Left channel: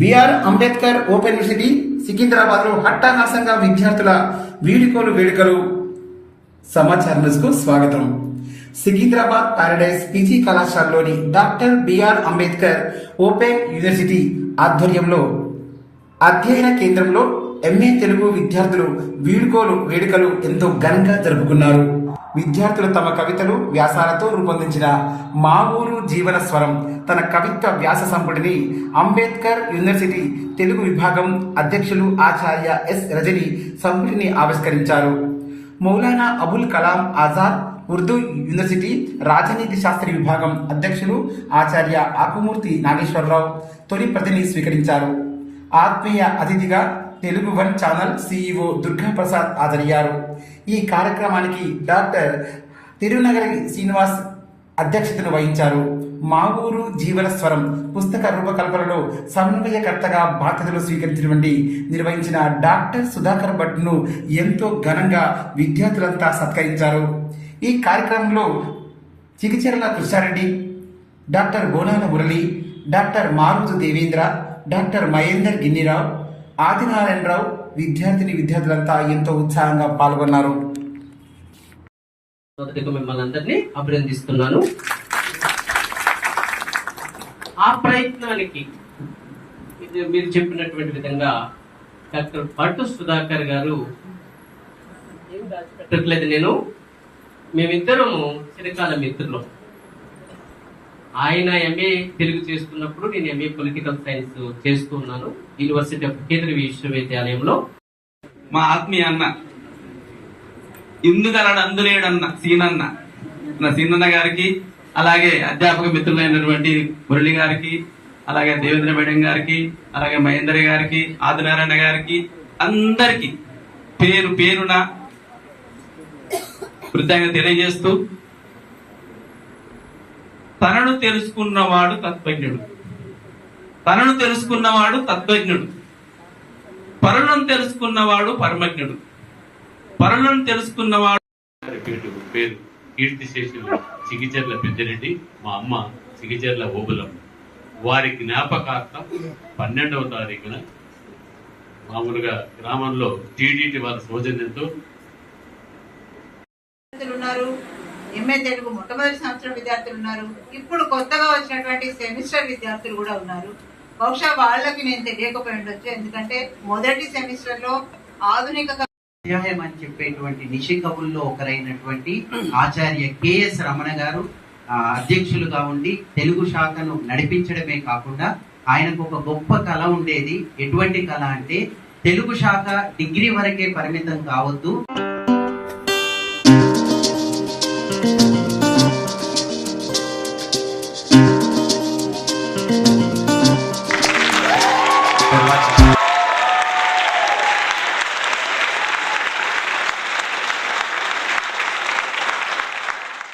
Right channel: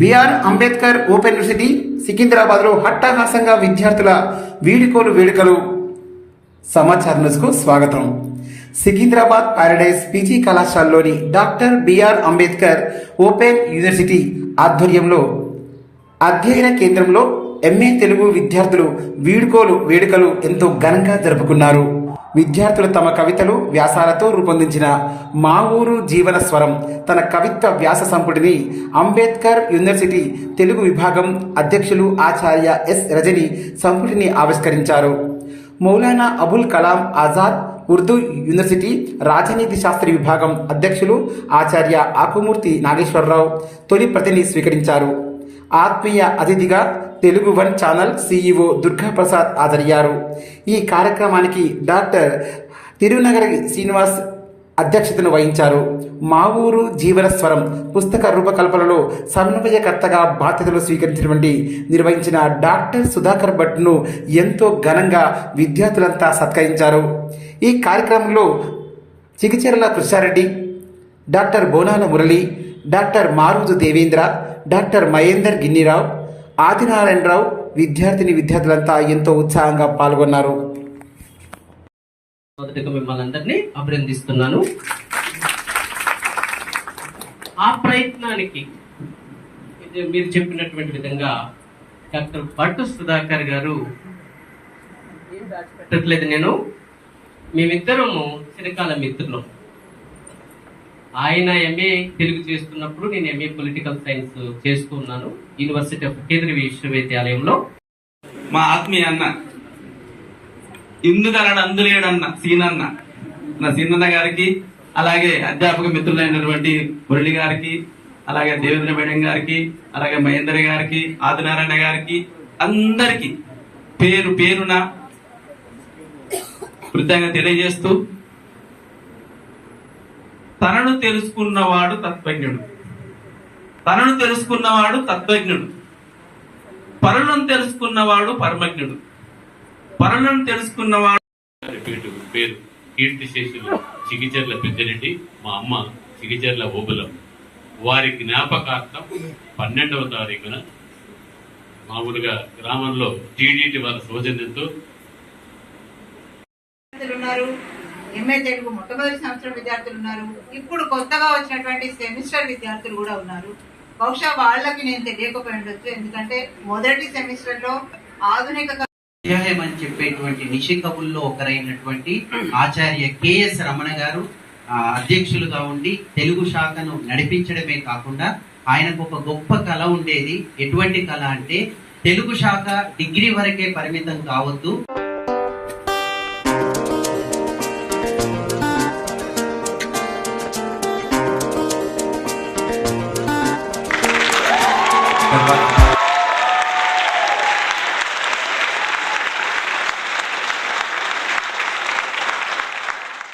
BR Ambedkar open university Secunderabad లో హట్టాహాసంగా విద్యార్థుల వీడుకోలు వేడుకలు. సమాచారం న్యూస్కు స్వాగతం. సికింద్రాబాద్ పారడైజ్ పీజీ కళాశాలలోని doctor BR Ambedkar open university ఆధ్వర్యంలో అధ్యయన కేంద్రంలో ఎంఏ తెలుగు విద్యార్థులు వీడుకోలు వేడుకలు ఎంతో ఘనంగా జరుపుకున్నారు. విద్యార్థులు తమ కవితలు వ్యాసాలతో రూపొందించిన మా ఊరు జీవన స్వరం తన కవిత్వ వ్యాస సంపుటిని అంబేద్కర్ యూనివర్సిటీ తెలుగు విభాగం అధ్యక్షులు ఆచార్య ఎస్ రజని సంపుటిని ఆవిష్కరించారు. మౌలానా అబుల్ కలాం ఆజాద్ ఉర్దూ యూనివర్సిటీ రాజనీతి శాస్త్ర విభాగం అధ్యక్షులు ఆచార్య ఆకుమూర్తి నాగేశ్వరరావు తొలి ప్రతిని స్వీకరించారు. ఆత్మీయ అతిథిగా Telugu one channel CEO Durga Prasad హాజరయ్యారు. ఈ కార్యక్రమానికి డాక్టర్ తిరునగరి శ్రీనివాస్ అధ్యక్షతను వహించారు. మా ఊరు జీవన స్వరం పుస్తక రూపకల్పనలో సమన్వయకర్తగా బాధ్యతలు నిర్వహించిన డాక్టర్ సుధాకర్ భట్ను ఎంతో ఘనంగా విద్యార్థులంతా సత్కరించారు. ఈ కార్యక్రమంలో చిగిచెర్ల కృష్ణారెడ్డి, డాక్టర్ బోనాల మురళి, డాక్టర్ మారుజు దేవేంద్ర, డాక్టర్ మహేందర్ గిన్నిరావు, ఆదినారాయణరావు విద్యార్థులంతా ఎంతో ఉత్సాహంగా పాల్గొన్నారు. మొదటిగా మిమ్మల్ని అందరినీ అభినందిస్తున్నాను. ఆ ప్రయత్నానికి మీరు చెప్పినటువంటి విధంగా డాక్టర్ భట్టు సుధాకర్ గారు నేను మేమిద్దరము చిరకాల మిత్రులు. ఆయన ఎంఏ తెలుగు చేస్తున్నప్పుడు నేను ఎంఏ పొలిటికల్ సైన్స్ చేస్తున్నాను యూనివర్సిటీ ఆఫ్ కేంద్రీయ విశ్వవిద్యాలయంలో. మా ఆత్మీయ అన్న ఇందుకలడు అందులేడన్న సీనన్న నా సీనన్న గారికి, అలాగే అధ్యాపక మిత్రులైనటువంటి మురళి గారికి, అలాగే దేవేంద్ర మేడం గారికి, అలాగే మహేందర్ గారికి, ఆదినారాయణ గారికి, అందరికి పేరు పేరున కృతజ్ఞత తెలియజేస్తూ, తనను తెలుసుకున్నవాడు తత్వజ్ఞుడు, తనను తెలుసుకున్నవాడు తత్వజ్ఞుడు, పరులను తెలుసుకున్నవాడు పరమజ్ఞుడు, పరులను తెలుసుకున్నవాడు పేరు కీర్తిశేషులు చిగిచెర్ల పెద్దిరెడ్డి, మా అమ్మ చిగిచెర్ల ఓబులం. వారి జ్ఞాపకార్థం 12వ తారీఖున మామూలుగా గ్రామంలో టీడీటీ వారి సౌజన్యంతో ఎంఏ తెలుగు మొట్టమొదటి సంవత్సరం విద్యార్థులు ఉన్నారు. ఇప్పుడు కొత్తగా వచ్చినటువంటి సెమిస్టర్ విద్యార్థులు కూడా ఉన్నారు. బహుశా వాళ్ళకి నేను తెలియకపోయి ఉండొచ్చు, ఎందుకంటే మొదటి సెమిస్టర్ లో ఆధునిక అధ్యాయం అని చెప్పేటువంటి నిషి కవుల్లో ఒకరైనటువంటి ఆచార్య కెఎస్ రమణ గారు అధ్యక్షులుగా ఉండి తెలుగు శాఖను నడిపించడమే కాకుండా ఆయనకు ఒక గొప్ప కళ ఉండేది. ఎటువంటి కళ అంటే తెలుగు శాఖ డిగ్రీ వరకే పరిమితం కావద్దు,